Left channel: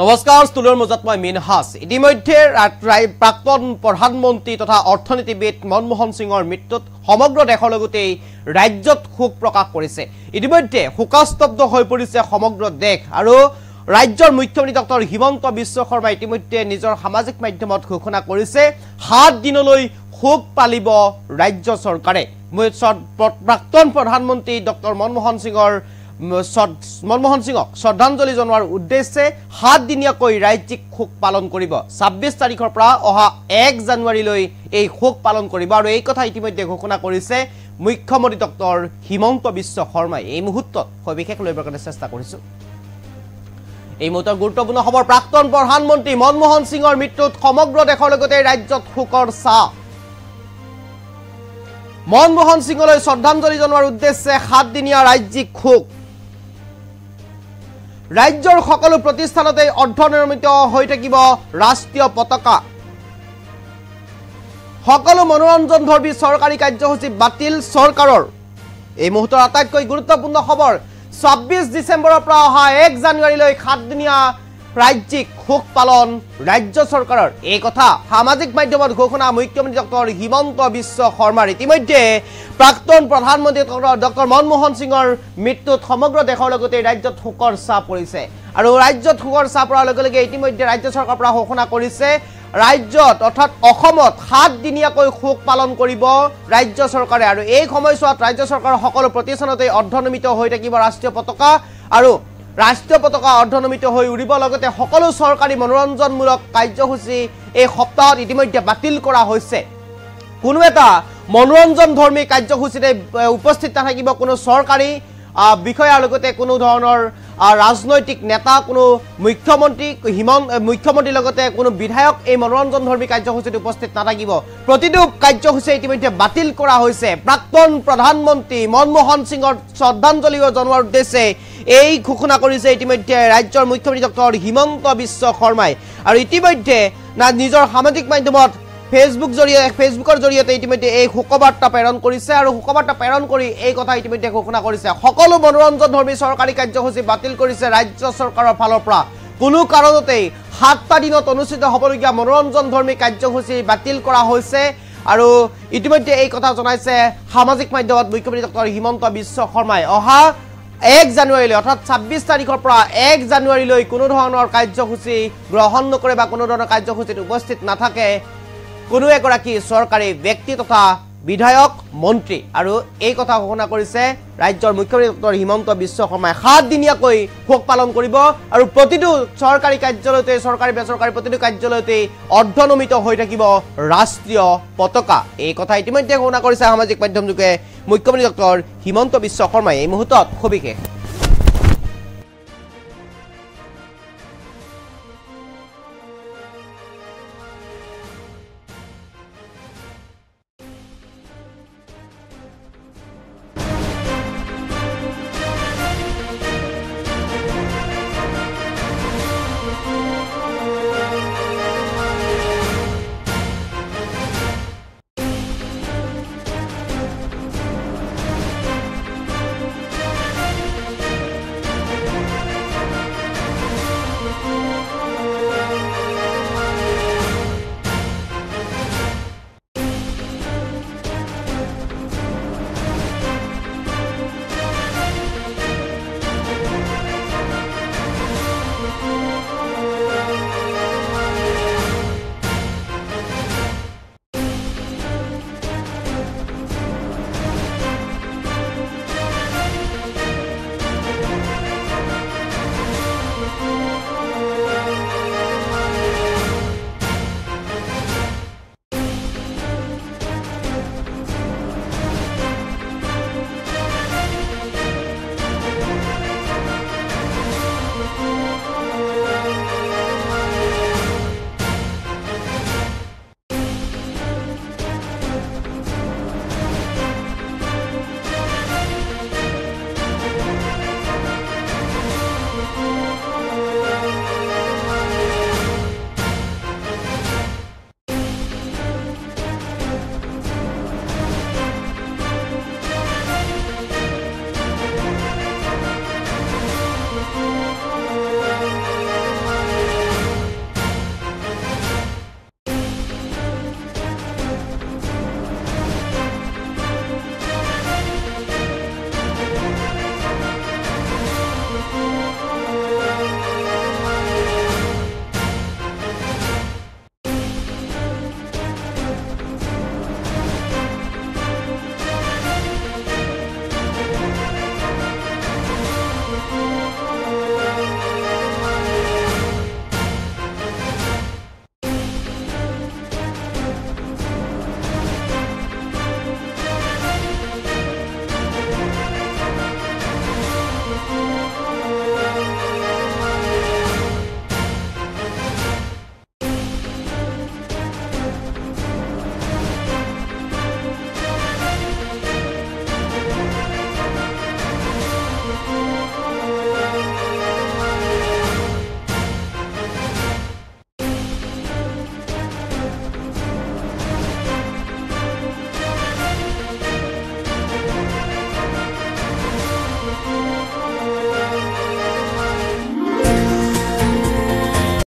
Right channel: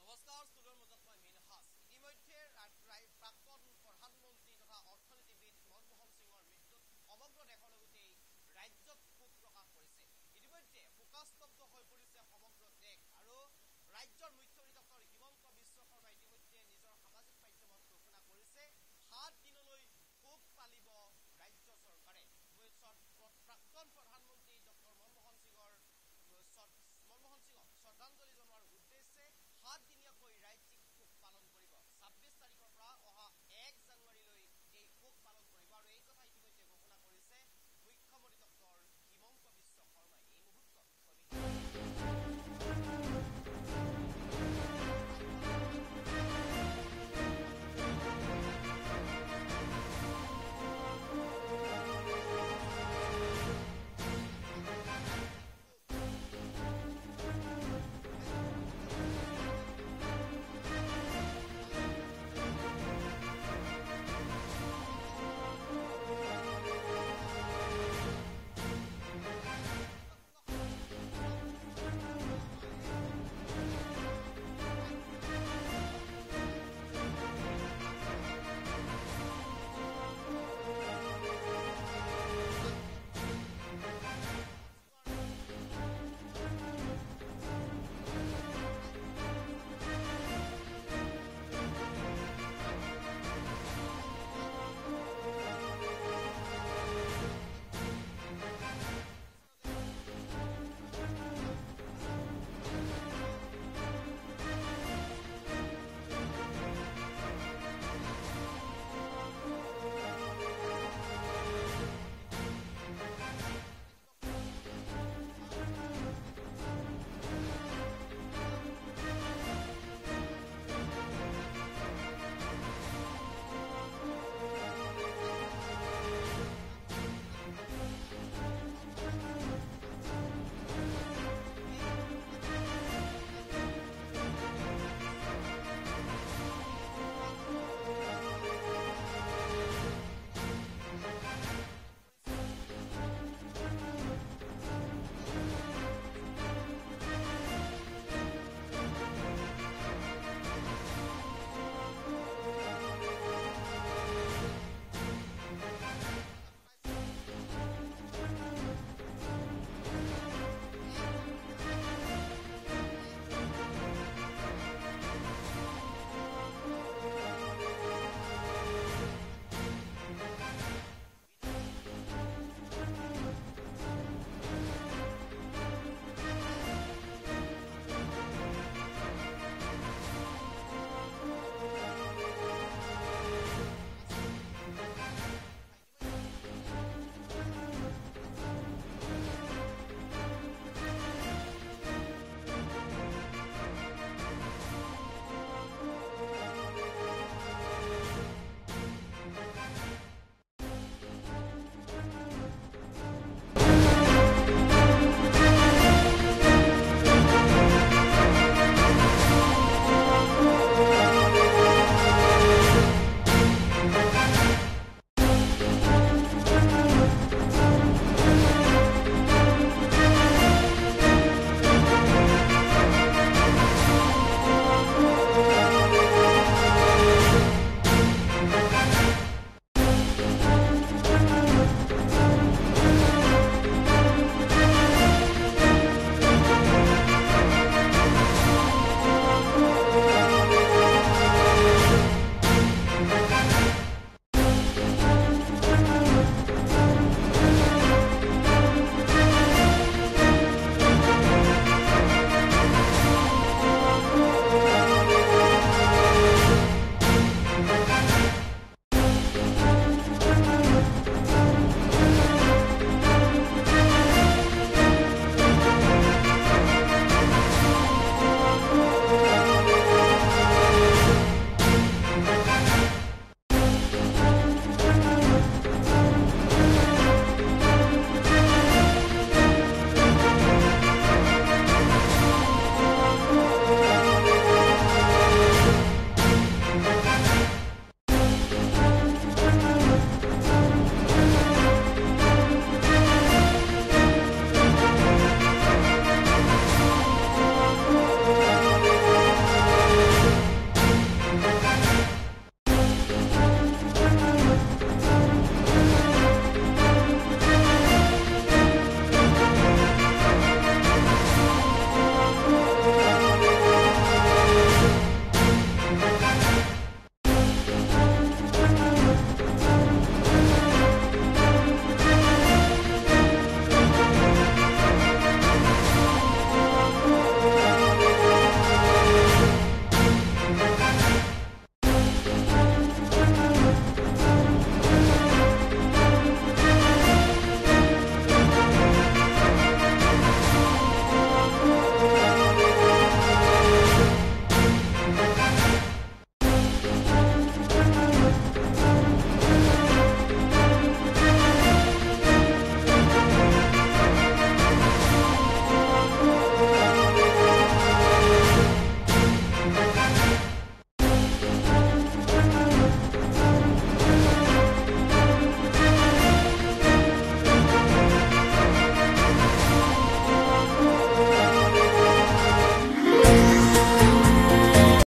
নমস্কাৰ ষ্টুডিঅ'ৰ মাজত মই মিনহাস ইতিমধ্যে প্ৰাক্তন প্ৰধানমন্ত্ৰী তথা অৰ্থনীতিবিদ মনমোহন সিঙৰ মৃত্যুত সমগ্ৰ দেশৰ লগতে ৰাজ্যত শোক প্ৰকাশ কৰিছে ইতিমধ্যে শোকাস্তব্ধ হৈ পৰিছে সমগ্ৰ দেশ আৰু ৰাজ্যৰ মুখ্যমন্ত্ৰী ডক্টৰ হিমন্ত বিশ্ব শৰ্মা ইতিমধ্যে নিজৰ সামাজিক মাধ্যমত ঘোষণা কৰিছে 7 দিনলৈ শোক পালিব ৰাজ্য চৰকাৰে প্ৰাক্তন প্ৰধানমন্ত্ৰী ডক্টৰ মনমোহন সিঙক শ্ৰদ্ধাঞ্জলি জনোৱাৰ উদ্দেশ্যে 7 দিনীয়াকৈ ৰাজ্যিক শোক পালন কৰিব 26 তাৰিখৰ পৰা অহা 1 জানুৱাৰীলৈ এই শোক পালন কৰিব আৰু এই কথা ইতিমধ্যে ঘোষণা কৰিছে মুখ্যমন্ত্ৰী ডক্টৰ হিমন্ত বিশ্ব শৰ্মাই এই মুহূৰ্তত বিশেষ লইবৰ কাৰণে চেষ্টা কৰিছো এই মুহূৰ্তৰ গুৰুত্বপূৰ্ণ খবৰ প্ৰাক্তন প্ৰধানমন্ত্ৰী মনমোহন সিঙৰ মৃত্যুত সমগ্ৰ দেশৰ লগতে ৰাজ্যত শোকৰ ছাঁ মনমোহন সিঙলৈ শ্ৰদ্ধাঞ্জলি জনোৱাৰ উদ্দেশ্যে 7 দিনীয়া ৰাজ্যিক শোক ৰাজ্যৰ সকলো প্ৰতিষ্ঠানতে অৰ্ধনিৰ্মিত হৈ থাকিব ৰাষ্ট্ৰীয় পতাকা সকলো মনোৰঞ্জনধৰ্মী চৰকাৰী কাৰ্যসূচী বাতিল চৰকাৰৰ এই মুহূৰ্তৰ আটাইতকৈ গুৰুত্বপূৰ্ণ খবৰ 26 ডিসেম্বৰৰ পৰা অহা 1 জানুৱাৰীলৈ 7 দিনীয়া ৰাজ্যিক শোক পালন ৰাজ্য চৰকাৰৰ এই কথা সামাজিক মাধ্যমত ঘোষণা মুখ্যমন্ত্ৰী ডক্টৰ হিমন্ত বিশ্ব শৰ্মাৰ ইতিমধ্যে প্ৰাক্তন প্ৰধানমন্ত্ৰী ডক্টৰ মনমোহন সিঙৰ মৃত্যুত সমগ্ৰ দেশৰ লগতে ৰাজ্যত শোকৰ ছাঁ পৰিছে আৰু ৰাজ্যত শোকৰ ছাঁ পৰাৰ লগে লগে ইতিমধ্যে ৰাজ্য চৰকাৰৰ পৰা ঘোষণা কৰিছে ৰাজ্যত অৰ্থাৎ অসমত 7 দিনীয়াকৈ শোক পালন কৰিব ৰাজ্য চৰকাৰে আৰু এই সময়ছোৱাত ৰাজ্য চৰকাৰৰ সকলো প্ৰতিষ্ঠানতে অৰ্ধনিৰ্মিত হৈ থাকিব ৰাষ্ট্ৰীয় পতাকা আৰু ৰাষ্ট্ৰীয় পতাকা অৰ্ধনিৰ্মিত হৈ উৰিব লগতে সকলো চৰকাৰী মনোৰঞ্জনমূলক কাৰ্যসূচী এই সপ্তাহত ইতিমধ্যে বাতিল কৰা হৈছে কোনো এটা মনোৰঞ্জনধৰ্মী কাৰ্যসূচীতে উপস্থিত থাকিব কোনো চৰকাৰী বিষয়াৰ লগতে কোনো ধৰণৰ ৰাজনৈতিক নেতা কোনো মুখ্যমন্ত্ৰীৰ লগতে কোনো বিধায়ক এই মনোৰঞ্জনধৰ্মী কাৰ্যসূচীত উপস্থিত নাথাকিব প্ৰতিটো কাৰ্যসূচী ইতিমধ্যে বাতিল কৰা হৈছে প্ৰাক্তন প্ৰধানমন্ত্ৰী মনমোহন সিঙৰ শ্ৰদ্ধাঞ্জলি জনোৱাৰ উদ্দেশ্যে এই ঘোষণা কৰিছে ইতিমধ্যে ৰাজ্যৰ মুখ্যমন্ত্ৰী ডক্টৰ হিমন্ত বিশ্ব শৰ্মাই আৰু ইতিমধ্যে নিজৰ সামাজিক মাধ্যমত ফেসবুকৰ জৰিয়তে ইতিমধ্যে এই শোকবাৰ্তা প্ৰেৰণ কৰিছে আৰু শোকবাৰ্তা প্ৰেৰণ কৰি এই কথা ইতিমধ্যে ঘোষণা কৰিছে সকলো মনোৰঞ্জনধৰ্মী চৰকাৰী কাৰ্যসূচী বাতিল কৰিছে ৰাজ্য চৰকাৰৰ ফালৰ পৰা কোনো কাৰণতে 7টা দিনত অনুষ্ঠিত হ'বলগীয়া মনোৰঞ্জনধৰ্মী কাৰ্যসূচী বাতিল কৰা হৈছে আৰু ইতিমধ্যে এই কথা জনাইছে সামাজিক মাধ্যমত মুখ্যমন্ত্ৰী ডক্টৰ হিমন্ত বিশ্ব শৰ্মাই অহা 1 জানুৱাৰীলৈ অৰ্থাৎ 26 তাৰিখৰ পৰা 1 জানুৱাৰীলৈ কোনো ধৰণৰ কাৰ্যসূচী গ্ৰহণ নকৰে বা কোনো ধৰণৰ কাৰ্যসূচীত উপস্থিত নাথাকে কোনো এগৰাকী চৰকাৰী ব্যক্তি তথা বিধায়ক মন্ত্ৰী আৰু এই কথা ঘোষণা কৰিছে ৰাজ্যৰ মুখ্যমন্ত্ৰী ডক্টৰ হিমন্ত বিশ্ব শৰ্মাই 7 দিনীয়াকৈ শোক পালন কৰিব আৰু প্ৰতিটো চৰকাৰী কাৰ্যালয়তে চৰকাৰী বেচৰকাৰী প্ৰতিটো কাৰ্যালয়তে অৰ্ধনিৰ্মিত হৈ থাকিব ৰাষ্ট্ৰীয় পতাকা এই কথা ইতিমধ্যে ঘোষণা কৰিছে সামাজিক মাধ্যমযোগে মুখ্যমন্ত্ৰী ডক্টৰ হিমন্ত বিশ্ব শৰ্মাই এই মুহূৰ্তত সবিশেষ